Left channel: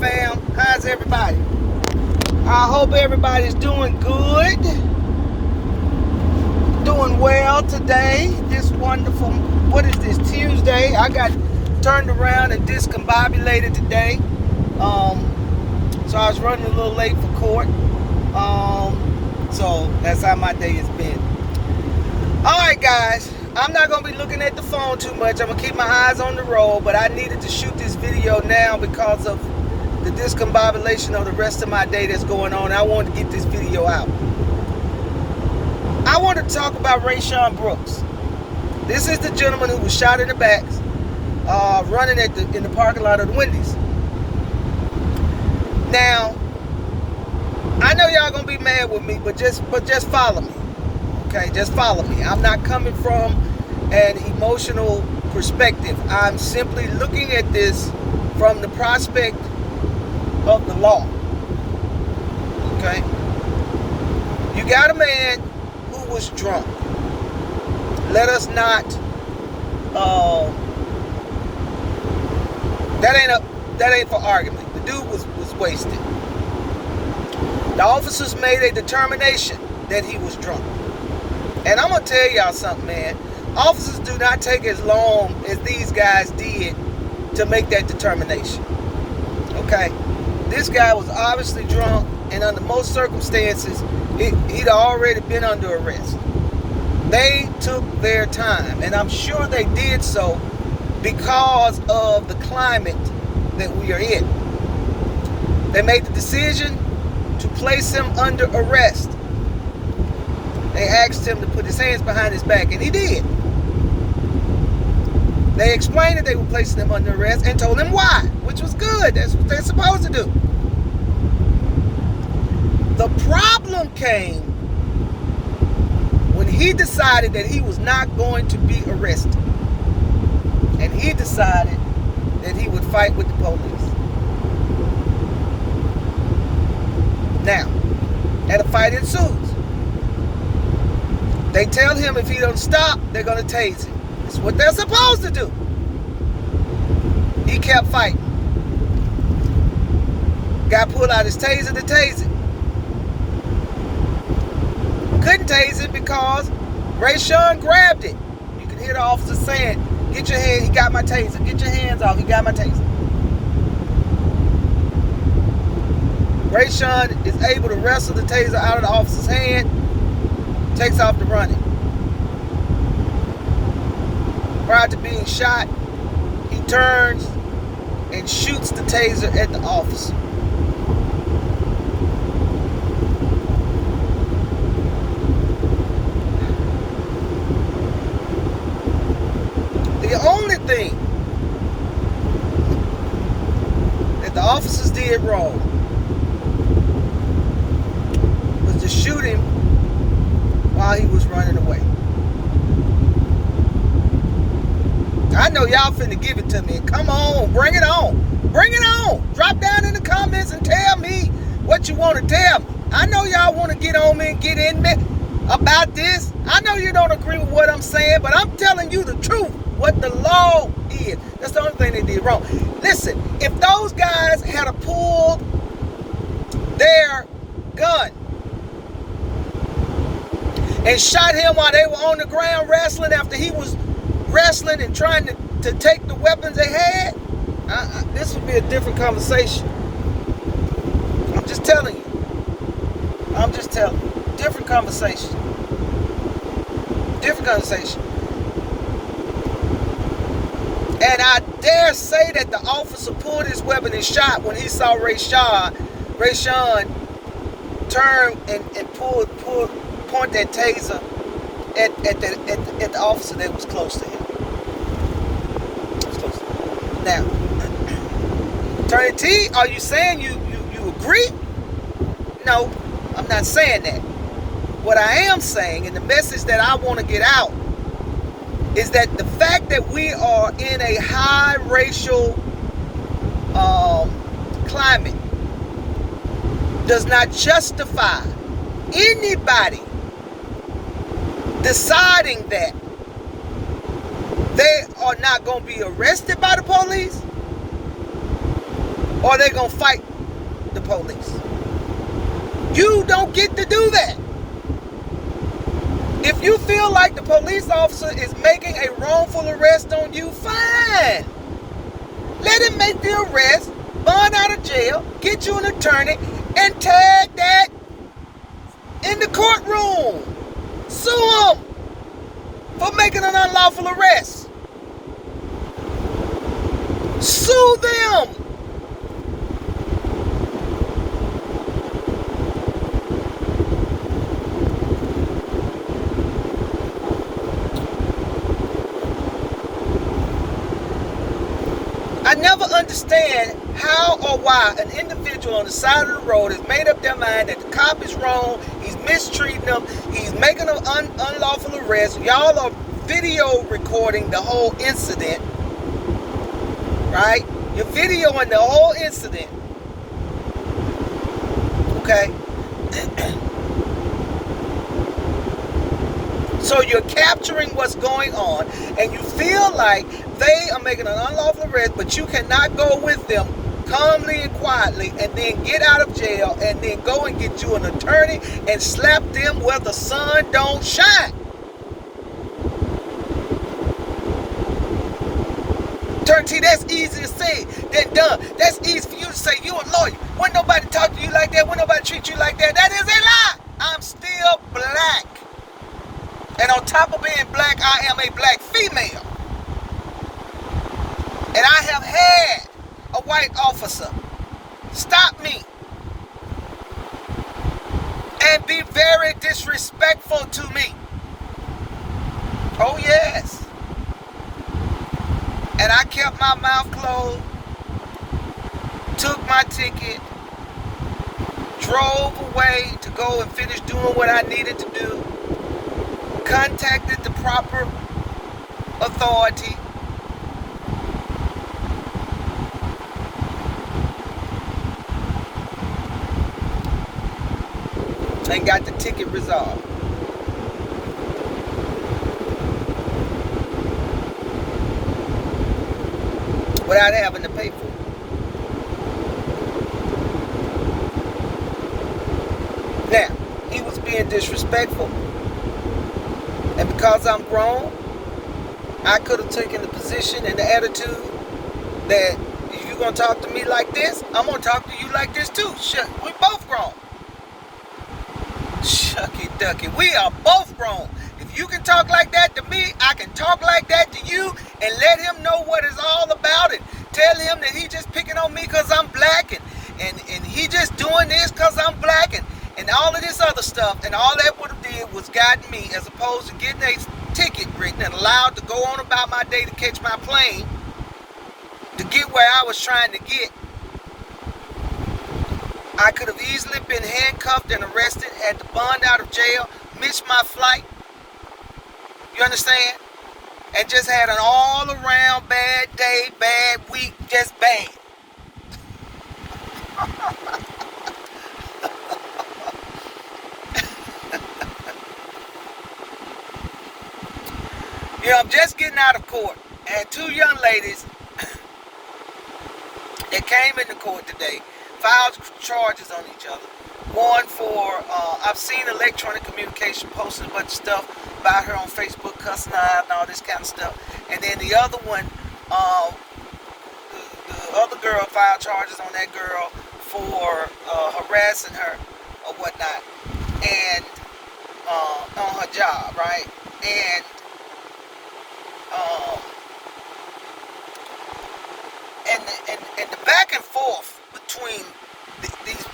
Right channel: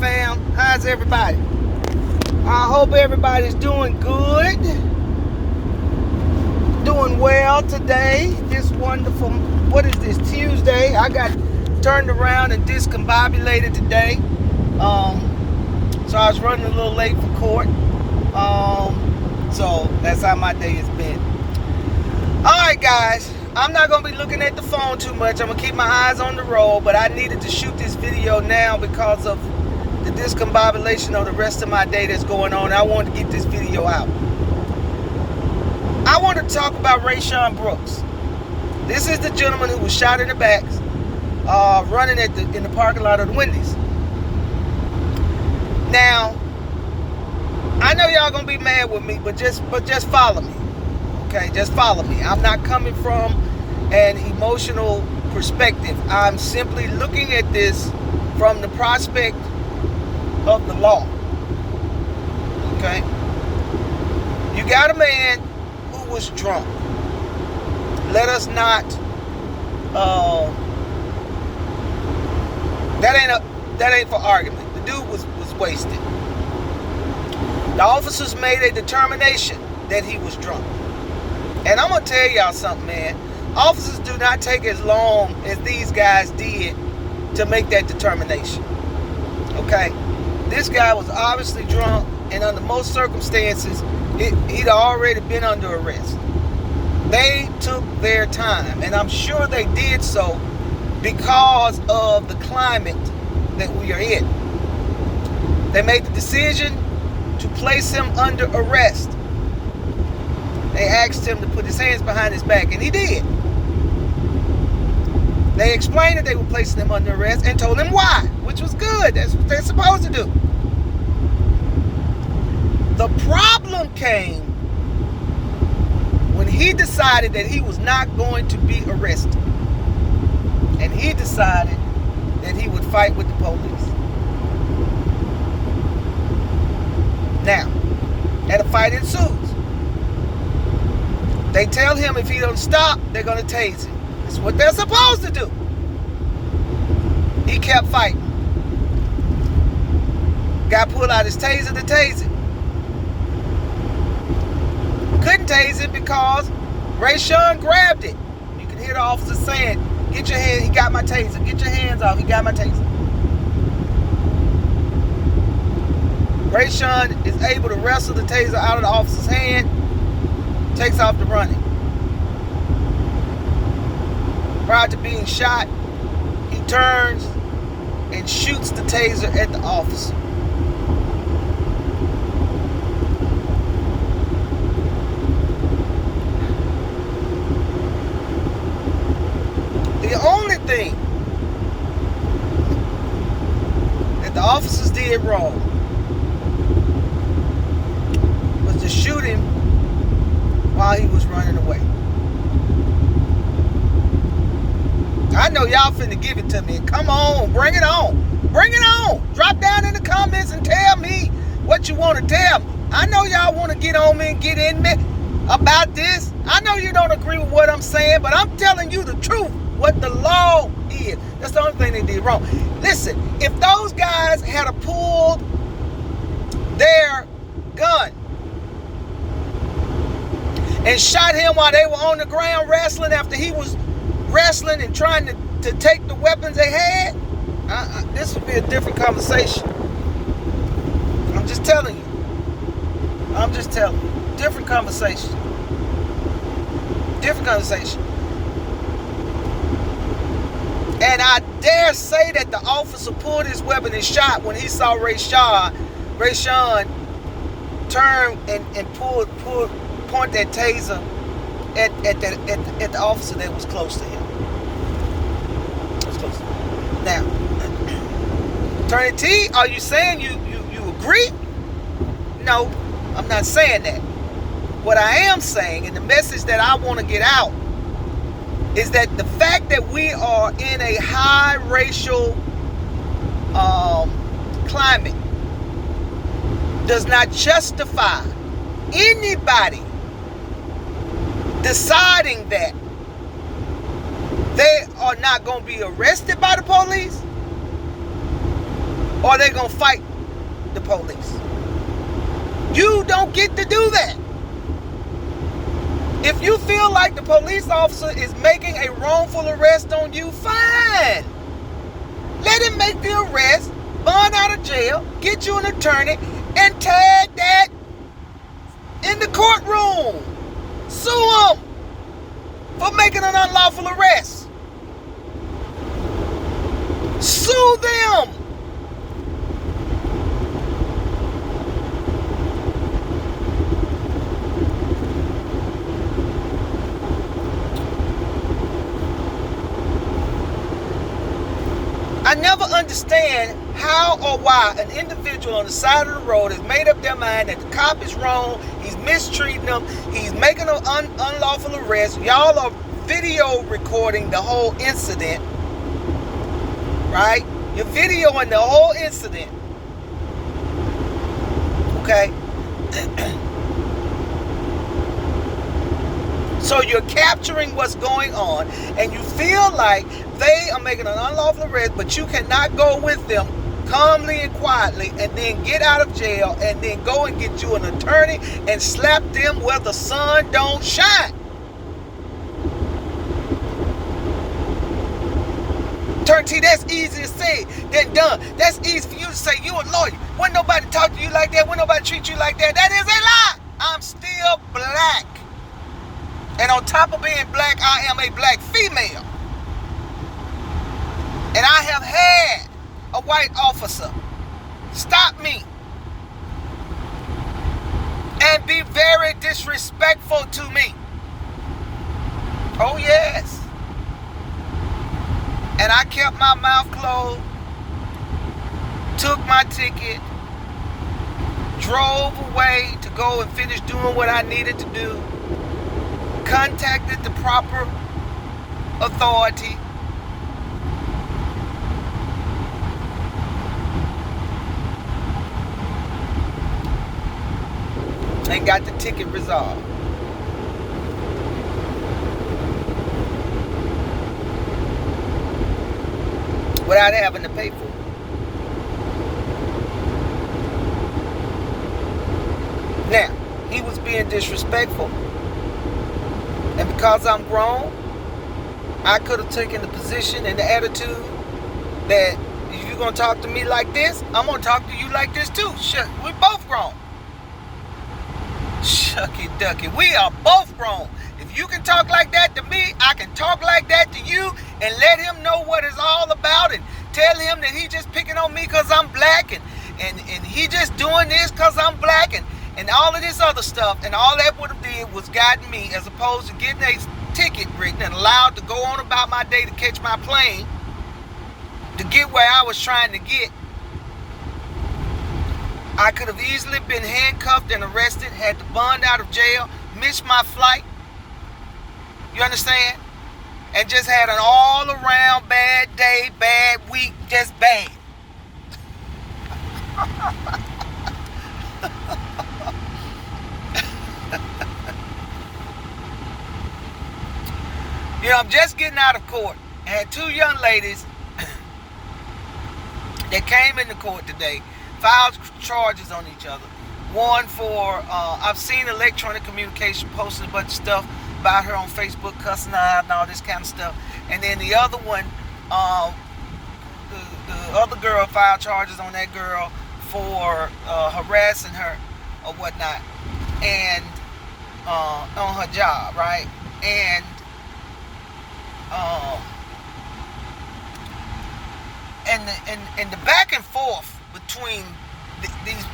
fam? How's everybody? I hope everybody's doing good. Doing well today. This wonderful, what is this, Tuesday? I got turned around and discombobulated today. So I was running a little late for court. So that's how my day has been. Alright guys, I'm not going to be looking at the phone too much. I'm going to keep my eyes on the road, but I needed to shoot this video now because of the discombobulation of the rest of my day that's going on. I wanted to get this video out. I want to talk about Rayshard Brooks. This is the gentleman who was shot in the back running in the parking lot of the Wendy's. Now, I know y'all gonna be mad with me, but just follow me. Okay, just follow me. I'm not coming from an emotional perspective. I'm simply looking at this from the prospect of the law. Okay? You got a man who was drunk. Let us not that ain't for argument. The dude was wasted. The officers made a determination that he was drunk. And I'm going to tell y'all something, man. Officers do not take as long as these guys did to make that determination. Okay? This guy was obviously drunk, and under most circumstances, he'd already been under arrest. They took their time, and I'm sure they did so because of the climate that we are in. They made the decision to place him under arrest. They asked him to put his hands behind his back, and he did. They explained that they were placing him under arrest and told him why, which was good. That's what they're supposed to do. The problem came when he decided that he was not going to be arrested. And he decided that he would fight with the police. Now, and a fight ensues. They tell him if he doesn't stop, they're going to tase him. It's what they're supposed to do. He kept fighting. Guy pulled out his taser to tase him. Couldn't tase it because Raeshawn grabbed it. You can hear the officer saying, "Get your hand, he got my taser. Get your hands off, he got my taser." Raeshawn is able to wrestle the taser out of the officer's hand, takes off to running. Prior to being shot, he turns and shoots the taser at the officer. The only thing that the officers did wrong was to shoot him while he was running away. I know y'all finna give it to me. Come on, bring it on. Bring it on. Drop down in the comments and tell me what you want to tell me. I know y'all want to get on me and get in me about this. I know you don't agree with what I'm saying, but I'm telling you the truth, what the law is. That's the only thing they did wrong. Listen, if those guys had pulled their gun and shot him while they were on the ground wrestling after he was wrestling and trying to take the weapons they had, this would be a different conversation. I'm just telling you. I'm just telling you. Different conversation. Different conversation. And I dare say that the officer pulled his weapon and shot when he saw Raeshawn turn and point that taser at the officer that was close to him. Now, Attorney T, are you saying you agree? No, I'm not saying that. What I am saying, and the message that I want to get out, is that the fact that we are in a high racial climate does not justify anybody deciding that they are not going to be arrested by the police or they're going to fight the police. You don't get to do that. If you feel like the police officer is making a wrongful arrest on you, fine. Let him make the arrest, bond out of jail, get you an attorney, and tag that in the courtroom. Sue him for making an unlawful arrest. Sue them. I never understand how or why an individual on the side of the road has made up their mind that the cop is wrong, he's mistreating them, he's making an unlawful arrest. Y'all are video recording the whole incident, right? You're videoing the whole incident, okay? So you're capturing what's going on, and you feel like they are making an unlawful arrest, but you cannot go with them calmly and quietly and then get out of jail and then go and get you an attorney and slap them where the sun don't shine. Turkey, that's easier said than done. That's easy for you to say. You a lawyer. Wouldn't nobody talk to you like that. Wouldn't nobody treat you like that. That is a lie. I'm still black. And on top of being black, I am a black female. And I have had a white officer stop me and be very disrespectful to me. Oh, yes. And I kept my mouth closed, took my ticket, drove away to go and finish doing what I needed to do, contacted the proper authority, and got the ticket resolved. Without having to pay for it. Now, he was being disrespectful. And because I'm grown, I could have taken the position and the attitude that if you're going to talk to me like this, I'm going to talk to you like this too. We both grown. Shucky ducky. We are both grown. If you can talk like that to me, I can talk like that to you and let him know what it's all about and tell him that he just picking on me because I'm black and he just doing this because I'm black and all of this other stuff. And all that would have did was gotten me, as opposed to getting a ticket written and allowed to go on about my day to catch my plane to get where I was trying to get. I could have easily been handcuffed and arrested, had to bond out of jail, missed my flight. You understand? And just had an all-around bad day, bad week, just bad. You know, I'm just getting out of court. I had two young ladies that came into court today, filed charges on each other. One for, I've seen electronic communication posting a bunch of stuff about her on Facebook, cussing her out and all this kind of stuff. And then the other one, the other girl filed charges on that girl for harassing her or whatnot, and on her job, right? And and the back and forth between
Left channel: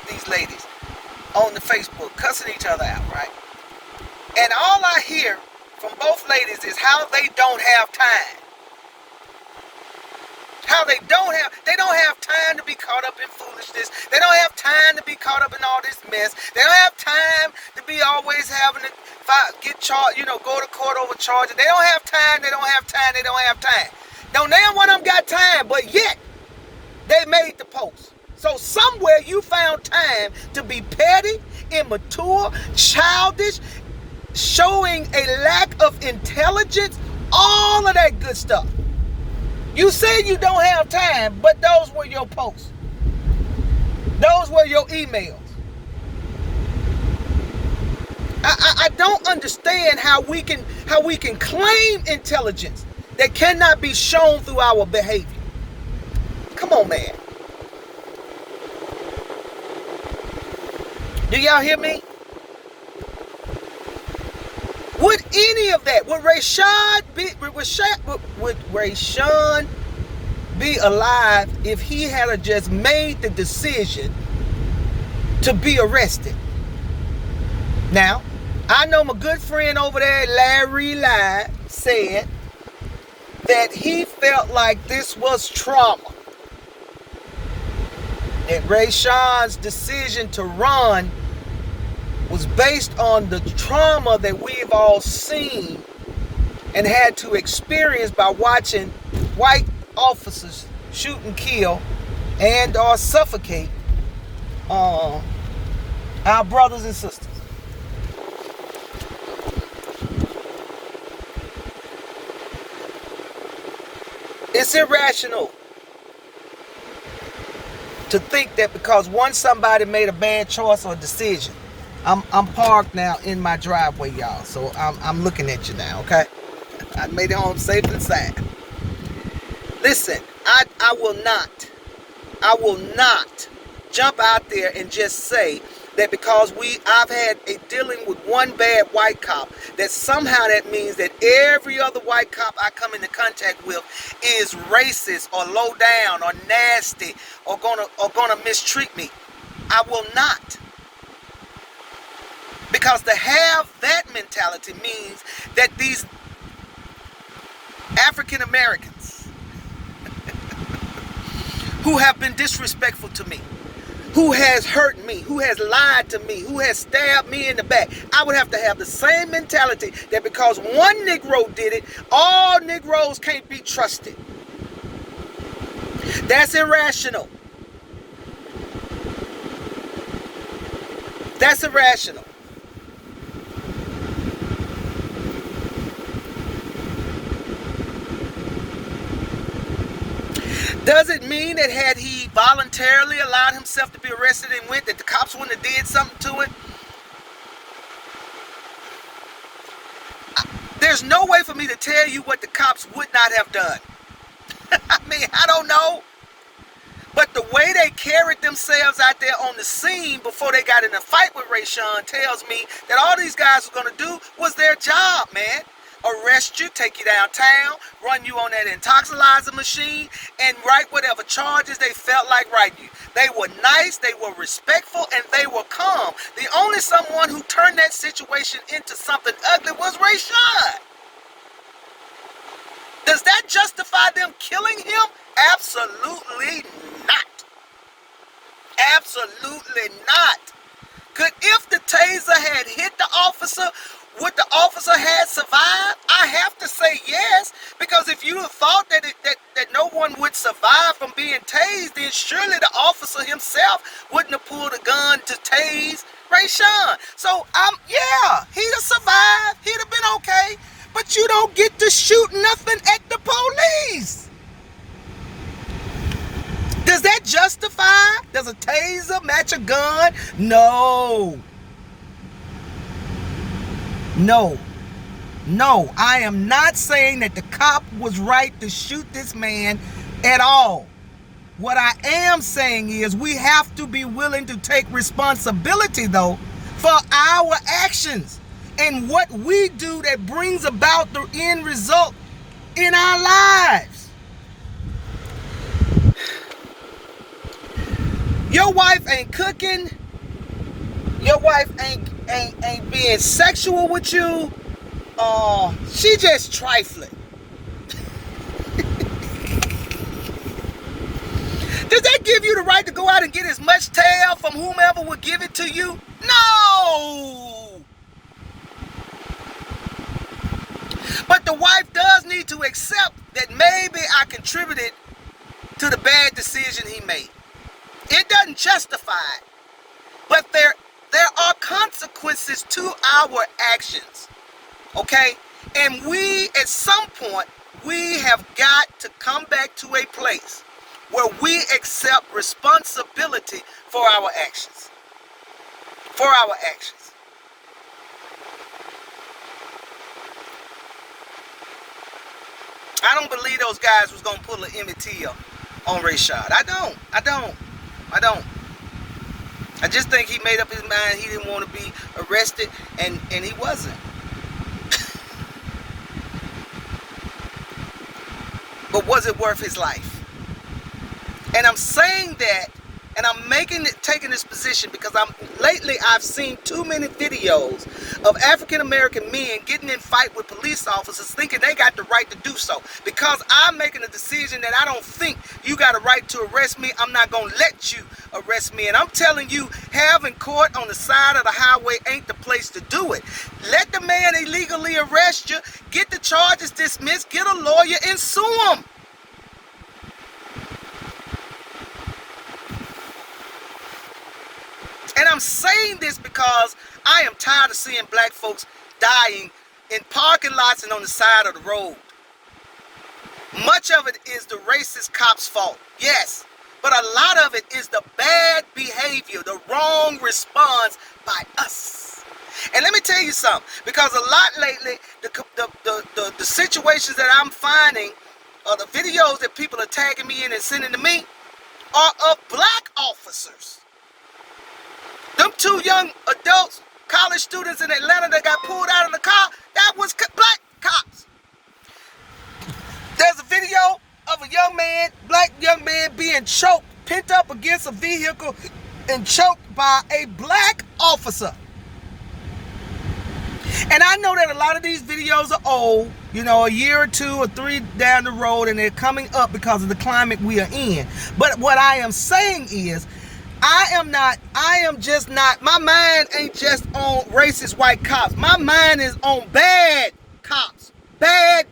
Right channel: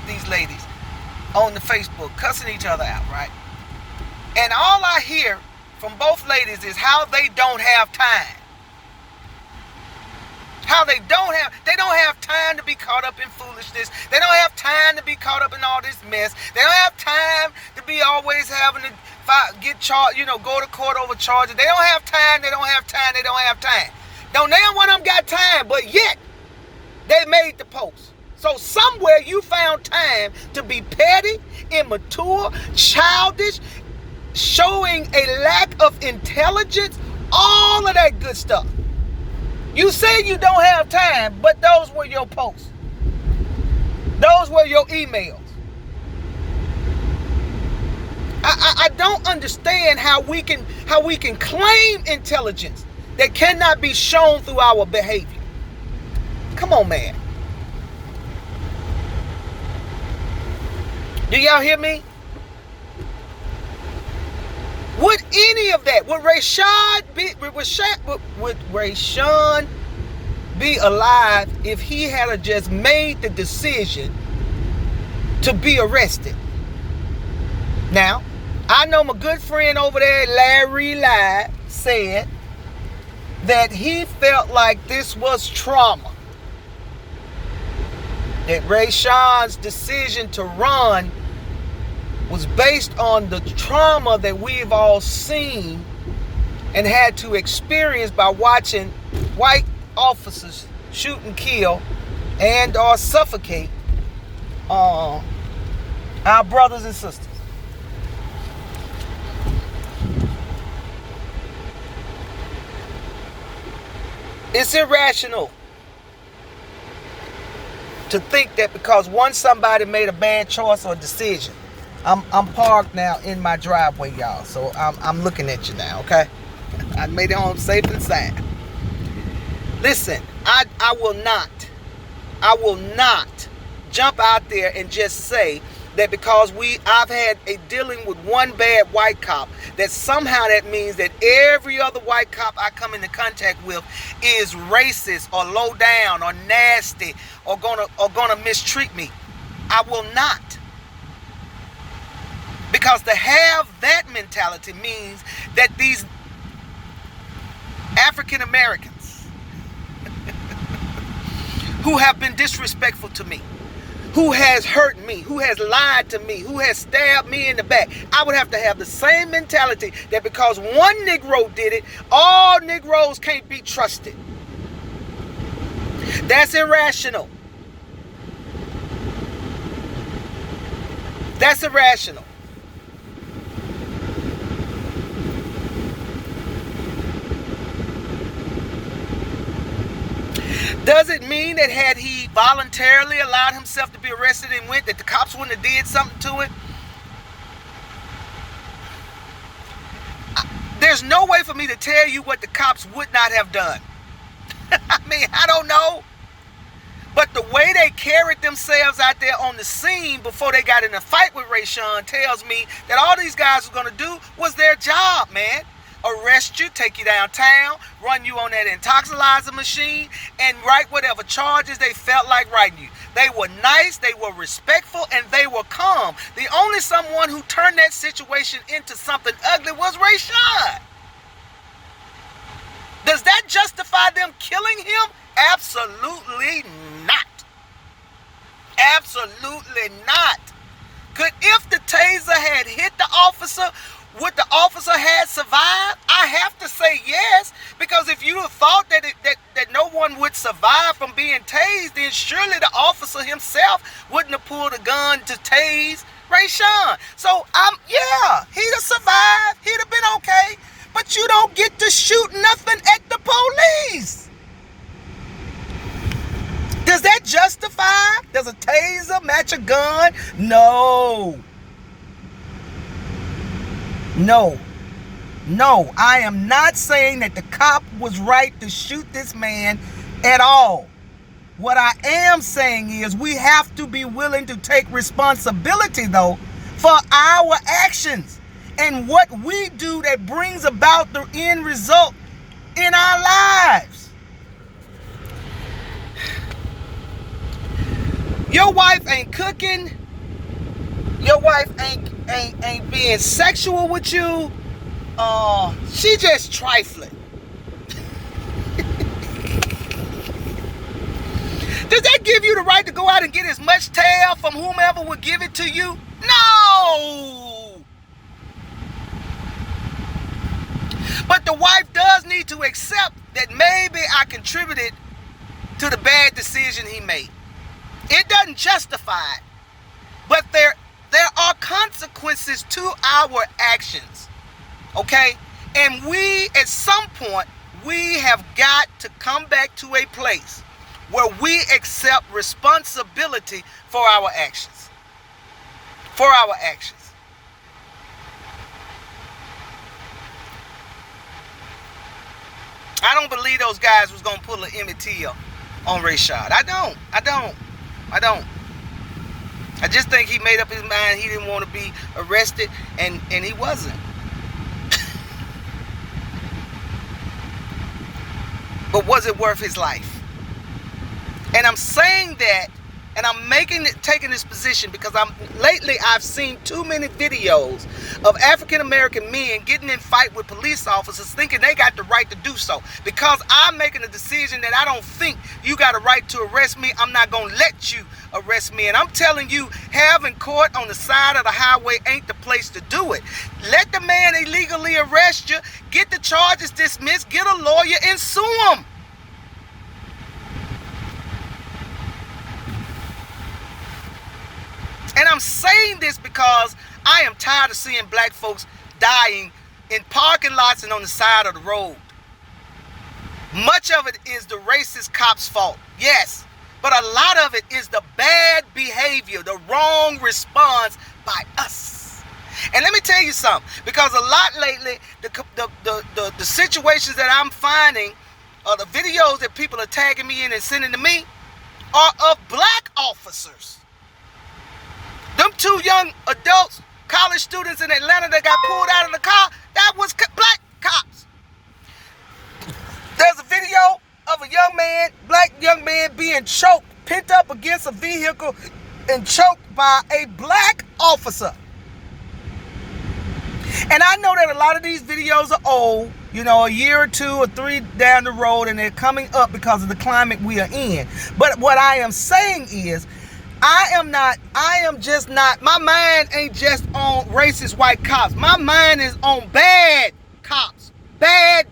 these ladies on the Facebook, cussing each other out, right? And all I hear from both ladies is how they don't have time. How they don't have time to be caught up in foolishness. They don't have time to be caught up in all this mess. They don't have time to be always having to get charged, go to court over charges. They don't have time. They don't have time. They don't have time. Don't damn one of them got time, but yet they made the post. So somewhere you found time to be petty, immature, childish, showing a lack of intelligence, all of that good stuff. You say you don't have time, but those were your posts. Those were your emails. I don't understand how we can claim intelligence that cannot be shown through our behavior. Come on, man. Do y'all hear me? Would any of that, would Raeshawn be alive if he had just made the decision to be arrested? Now, I know my good friend over there, Larry Lai, said that he felt like this was trauma. That Rayshawn's decision to run was based on the trauma that we've all seen and had to experience by watching white officers shoot and kill and or suffocate our brothers and sisters. It's irrational to think that because somebody made a bad choice or decision. I'm parked now in my driveway, y'all. So I'm looking at you now, okay? I made it home safe and sound. Listen, I will not jump out there and just say that because I've had a dealing with one bad white cop, that somehow that means that every other white cop I come into contact with is racist or low down or nasty or gonna mistreat me. I will not. Because to have that mentality means that these African Americans who have been disrespectful to me, who has hurt me, who has lied to me, who has stabbed me in the back, I would have to have the same mentality that because one Negro did it, all Negroes can't be trusted. That's irrational. That's irrational. Does it mean that had he voluntarily allowed himself to be arrested and went, that the cops wouldn't have did something to it? There's no way for me to tell you what the cops would not have done. I mean, I don't know. But the way they carried themselves out there on the scene before they got in a fight with Rayshawn tells me that all these guys were going to do was their job, man. Arrest you, take you downtown, run you on that intoxilizer machine, and write whatever charges they felt like writing you. They were nice, they were respectful, and they were calm. The only someone who turned that situation into something ugly was Rayshard. Does that justify them killing him? Absolutely not. Absolutely not. If the taser had hit the officer, would the officer have survived? I have to say yes, because if you thought that no one would survive from being tased, then surely the officer himself wouldn't have pulled a gun to tase Rayshawn. So he'd have survived. He'd have been okay. But you don't get to shoot nothing at the police. Does that justify? Does a taser match a gun? No. No, I am not saying that the cop was right to shoot this man at all. What I am saying is we have to be willing to take responsibility, though, for our actions and what we do that brings about the end result in our lives. Your wife ain't cooking. Your wife ain't being sexual with you. She just trifling. Does that give you the right to go out and get as much tail from whomever would give it to you? No. But the wife does need to accept that maybe I contributed to the bad decision he made. It doesn't justify it, but there are consequences to our actions, okay? And we, at some point, we have got to come back to a place where we accept responsibility for our actions. For our actions. I don't believe those guys was going to pull an Emmett Till on Rayshard. I don't. I just think he made up his mind he didn't want to be arrested, and he wasn't. But was it worth his life? And I'm saying that, and I'm taking this position because lately I've seen too many videos of African American men getting in fight with police officers thinking they got the right to do so. Because I'm making a decision that I don't think you got a right to arrest me, I'm not going to let you arrest me. And I'm telling you, having court on the side of the highway ain't the place to do it. Let the man illegally arrest you, get the charges dismissed, get a lawyer and sue him. And I'm saying this because I am tired of seeing black folks dying in parking lots and on the side of the road. Much of it is the racist cops' fault, yes. But a lot of it is the bad behavior, the wrong response by us. And let me tell you something, because a lot lately, the situations that I'm finding, the videos that people are tagging me in and sending to me, are of black officers. Them two young adults, college students in Atlanta that got pulled out of the car, that was black cops. There's a video of a black young man being choked, pent up against a vehicle and choked by a black officer. And I know that a lot of these videos are old, a year or 2 or 3 down the road, and they're coming up because of the climate we are in. But what I am saying is, my mind ain't just on racist white cops. My mind is on bad cops. Bad.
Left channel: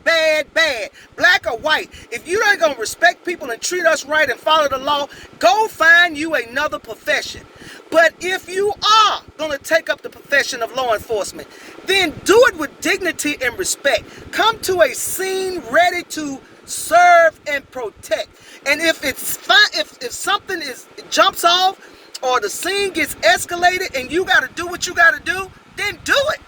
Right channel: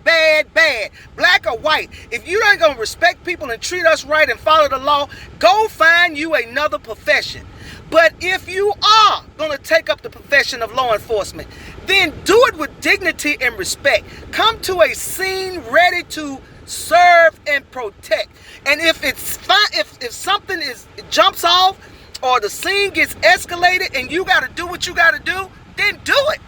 Black or white. If you ain't gonna respect people and treat us right and follow the law, go find you another profession. But if you are gonna take up the profession of law enforcement, then do it with dignity and respect. Come to a scene ready to serve and protect. And if it's fine, if something jumps off or the scene gets escalated and you got to do what you got to do, then do it.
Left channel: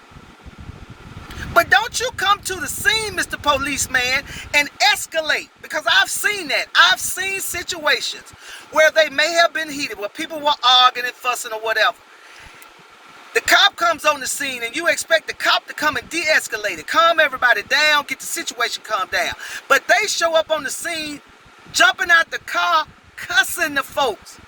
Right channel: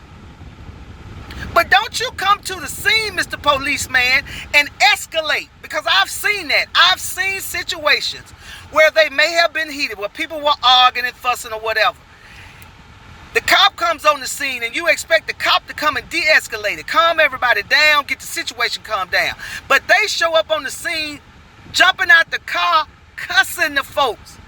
But don't you come to the scene, Mr. Policeman, and escalate, because I've seen that. I've seen situations where they may have been heated, where people were arguing and fussing or whatever. The cop comes on the scene and you expect the cop to come and de-escalate it, calm everybody down, get the situation calmed down. But they show up on the scene, jumping out the car, cussing the folks.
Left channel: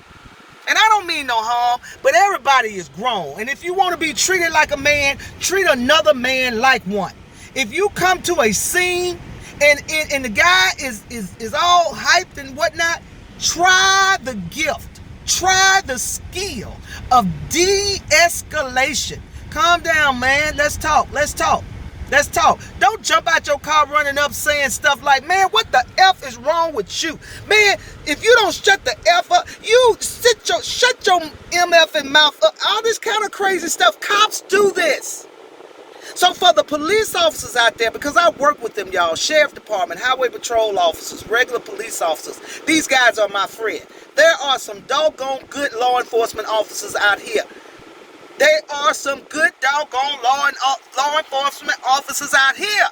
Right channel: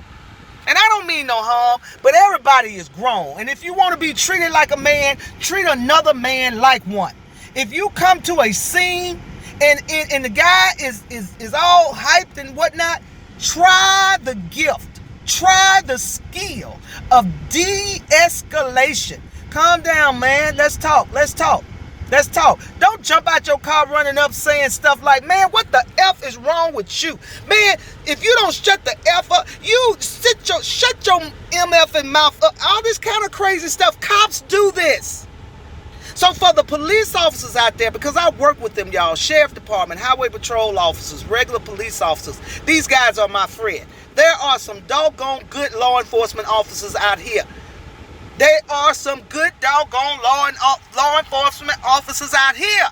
And I don't mean no harm, but everybody is grown. And if you want to be treated like a man, treat another man like one. If you come to a scene and the guy is all hyped and whatnot, try the gift, try the skill of de-escalation. Calm down, man. Let's talk. Don't jump out your car running up saying stuff like, man, what the F is wrong with you? Man, if you don't shut the F up, you shut your MF and mouth up. All this kind of crazy stuff. Cops do this. So for the police officers out there, because I work with them, y'all, sheriff department, highway patrol officers, regular police officers, these guys are my friend. There are some doggone good law enforcement officers out here. There are some good doggone law enforcement officers out here.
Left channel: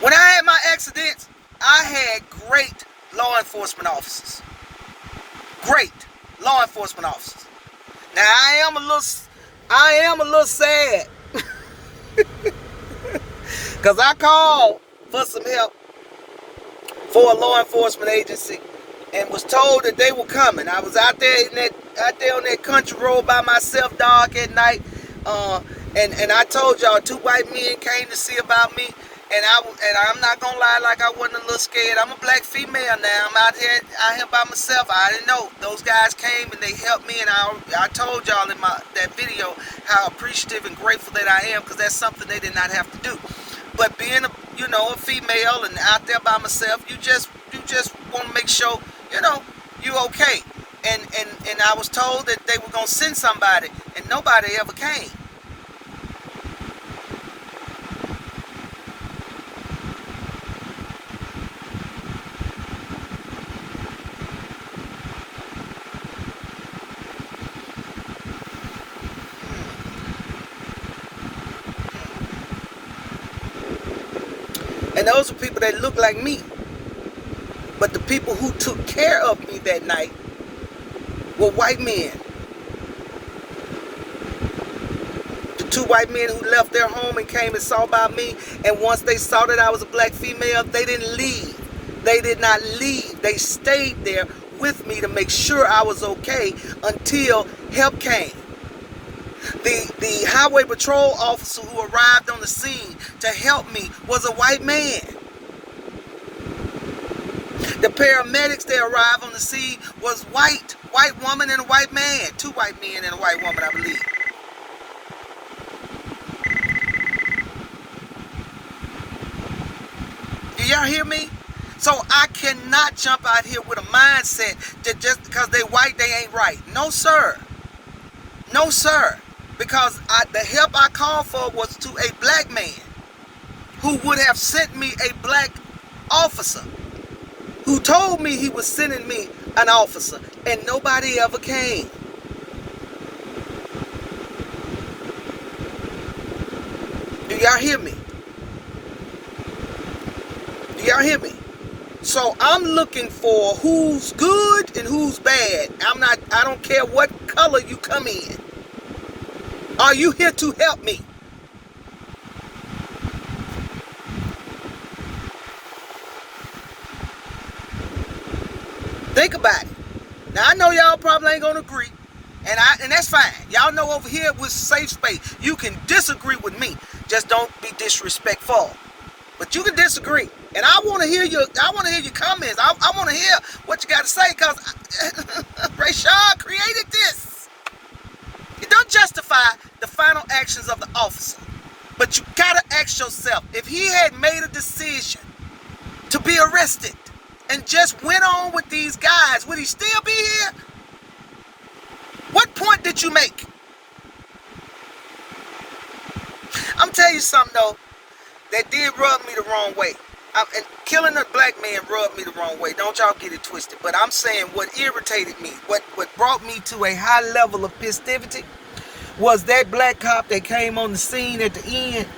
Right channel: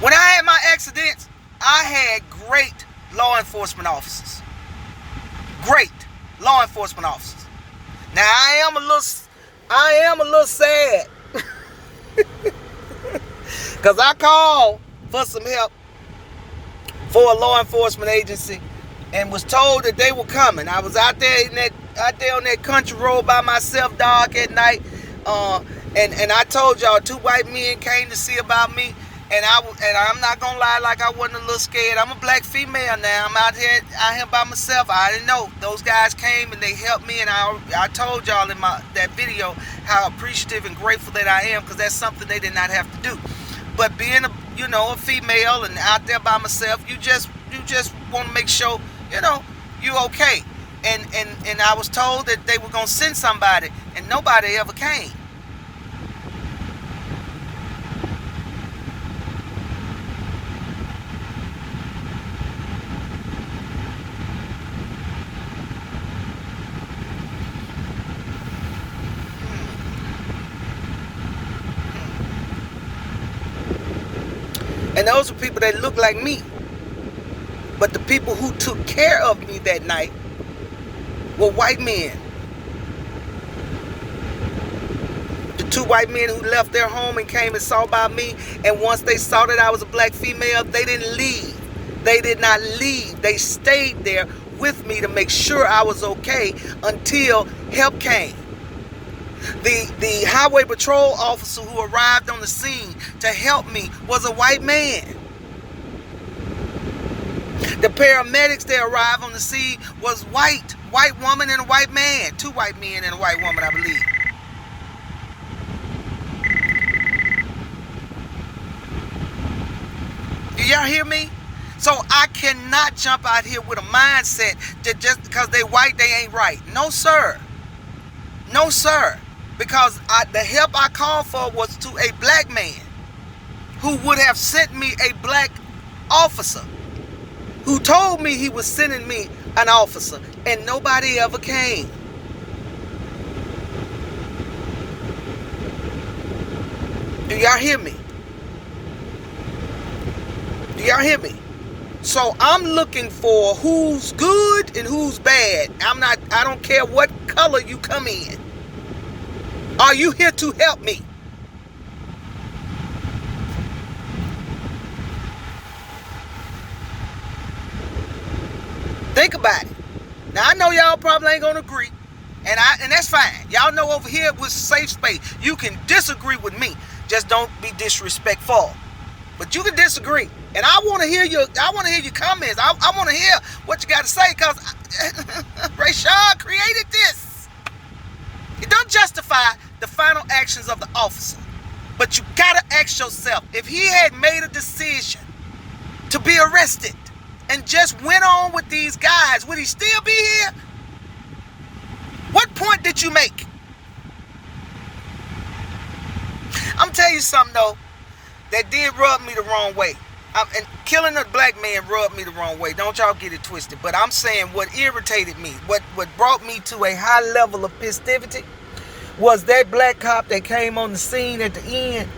When I had my accidents, I had great law enforcement officers. Great law enforcement officers. Now I am a little sad because I called for some help for a law enforcement agency and was told that they were coming. I was out there on that country road by myself, dark at night, and I told y'all 2 white men came to see about me, and I'm not gonna lie, like I wasn't a little scared. I'm a black female now. I'm out here by myself. I didn't know. Those guys came and they helped me, and I told y'all in that video how appreciative and grateful that I am, because that's something they did not have to do. But being a female and out there by myself, you just want to make sure, you okay. And I was told that they were gonna send somebody, and nobody ever came. And those were people that looked like me. But the people who took care of me that night were white men. The 2 white men who left their home and came and saw about me, and once they saw that I was a black female, they didn't leave. They did not leave. They stayed there with me to make sure I was okay until help came. The highway patrol officer who arrived on the scene to help me was a white man. The paramedics that arrived on the scene was white woman and a white man. 2 white men and a white woman, I believe. Do y'all hear me? So I cannot jump out here with a mindset that just because they white, they ain't right. No, sir. No, sir. Because the help I called for was to a black man who would have sent me a black officer, who told me he was sending me an officer, and nobody ever came. Do y'all hear me? Do y'all hear me? So I'm looking for who's good and who's bad. I don't care what color you come in. Are you here to help me? Think about it. Now I know y'all probably ain't gonna agree, and that's fine. Y'all know over here was safe space. You can disagree with me, just don't be disrespectful. But you can disagree, and I want to hear your comments. I want to hear what you got to say, because Rayshard created this. It don't justify the final actions of the officer, but you gotta ask yourself, if he had made a decision to be arrested and just went on with these guys, would he still be here? What point did you make? I'm telling you something though, that did rub me the wrong way. And killing a black man rubbed me the wrong way. Don't y'all get it twisted. But I'm saying what irritated me, what brought me to a high level of festivity, was that black cop that came on the scene at the end,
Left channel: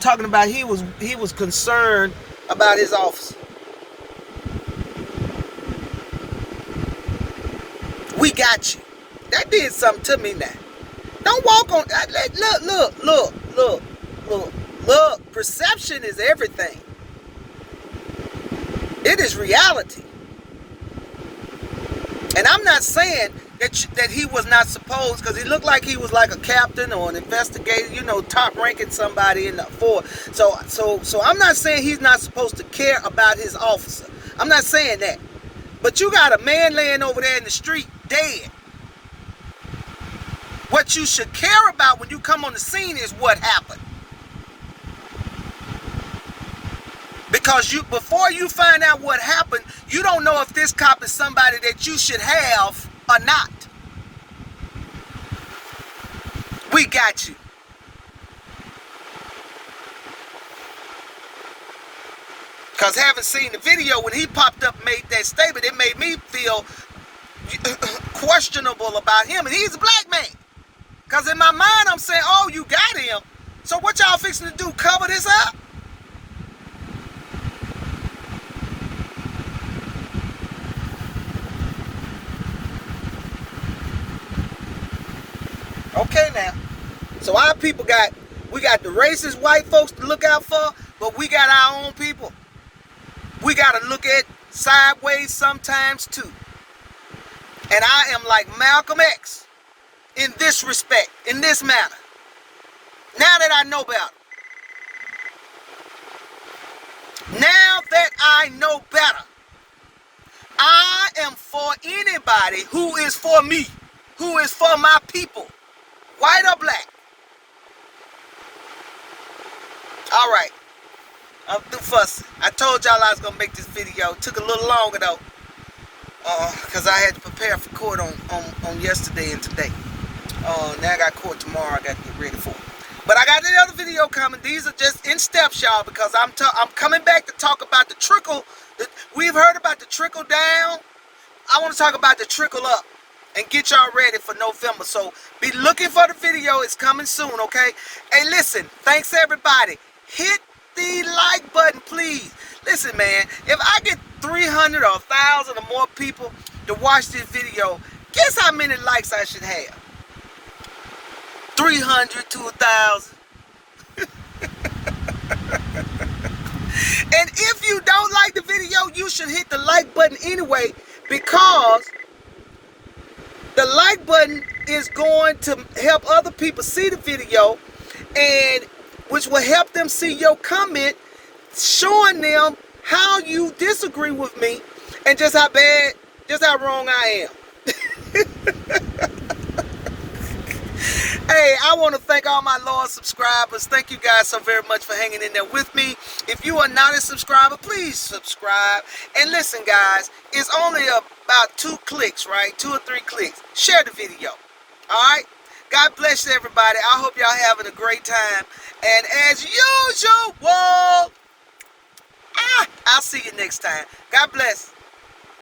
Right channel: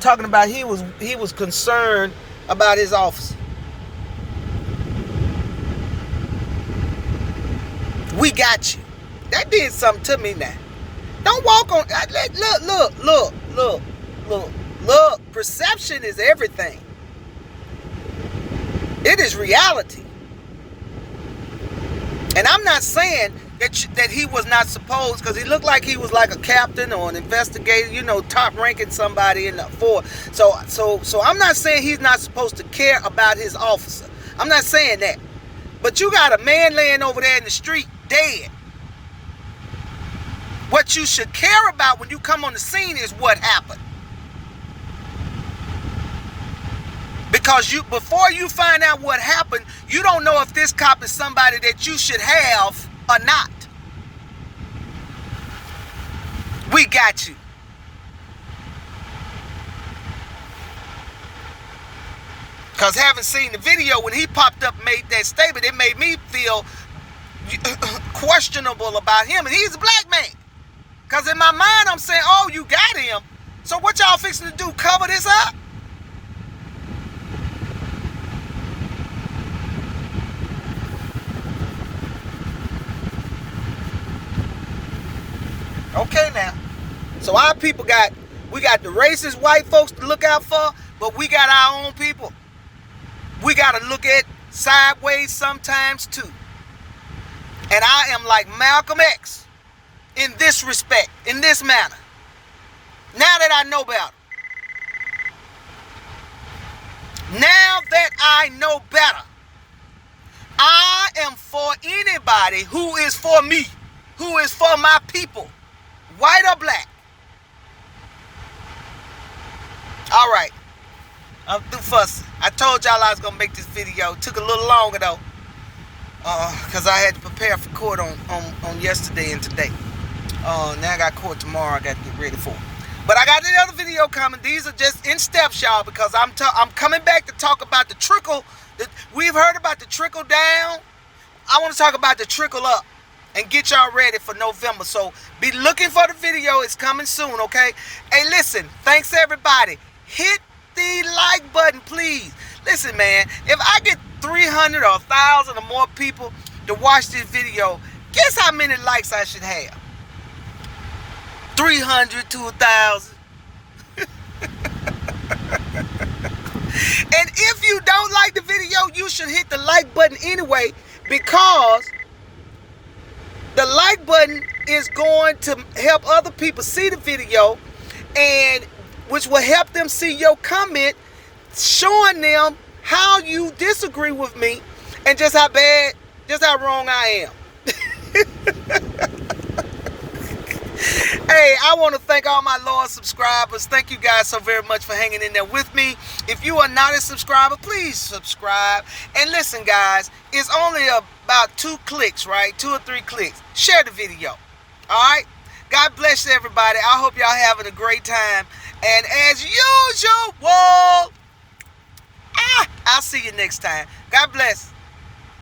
talking about he was concerned about his officer. We got you. That did something to me now. Don't walk on. Look. Perception is everything. It is reality. And I'm not saying that he was not supposed, because he looked like he was like a captain or an investigator, top ranking somebody in the force. So I'm not saying he's not supposed to care about his officer. I'm not saying that. But you got a man laying over there in the street dead. What you should care about when you come on the scene is what happened. Because before you find out what happened, you don't know if this cop is somebody that you should have or not. We got you. Because having seen the video, when he popped up, made that statement, it made me feel questionable about him. And he's a black man. Because in my mind, I'm saying, oh, you got him. So what y'all fixing to do, cover this up? Okay now. So our people we got the racist white folks to look out for, but we got our own people. We got to look at sideways sometimes too. And I am like Malcolm X in this respect, in this manner. Now that I know better. Now that I know better. I am for anybody who is for me, who is for my people, white or black. All right. I'm through fussing. I told y'all I was going to make this video. It took a little longer though. Because I had to prepare for court on yesterday and today. Now I got court tomorrow. I got to get ready for it. But I got another video coming. These are just in steps, y'all, because I'm coming back to talk about the trickle. We've heard about the trickle down. I want to talk about the trickle up and get y'all ready for November. So be looking for the video. It's coming soon, okay? Hey, listen. Thanks, everybody. Hit the like please. Listen, man, if I get 300 or 1,000 or more people to watch this video, guess how many likes I should have? 300 to 1,000. And if you don't like the video, you should hit the like button anyway, because the like button is going to help other people see the video, and which will help them see your comment showing them how you disagree with me and just how wrong I am. Hey, I want to thank all my loyal subscribers. Thank you guys so very much for hanging in there with me. If you are not a subscriber, please subscribe. And listen, guys, it's only about 2 clicks, right? 2 or 3 clicks. Share the video. All right? God bless everybody. I hope y'all having a great time. And as usual, I'll see you next time. God bless.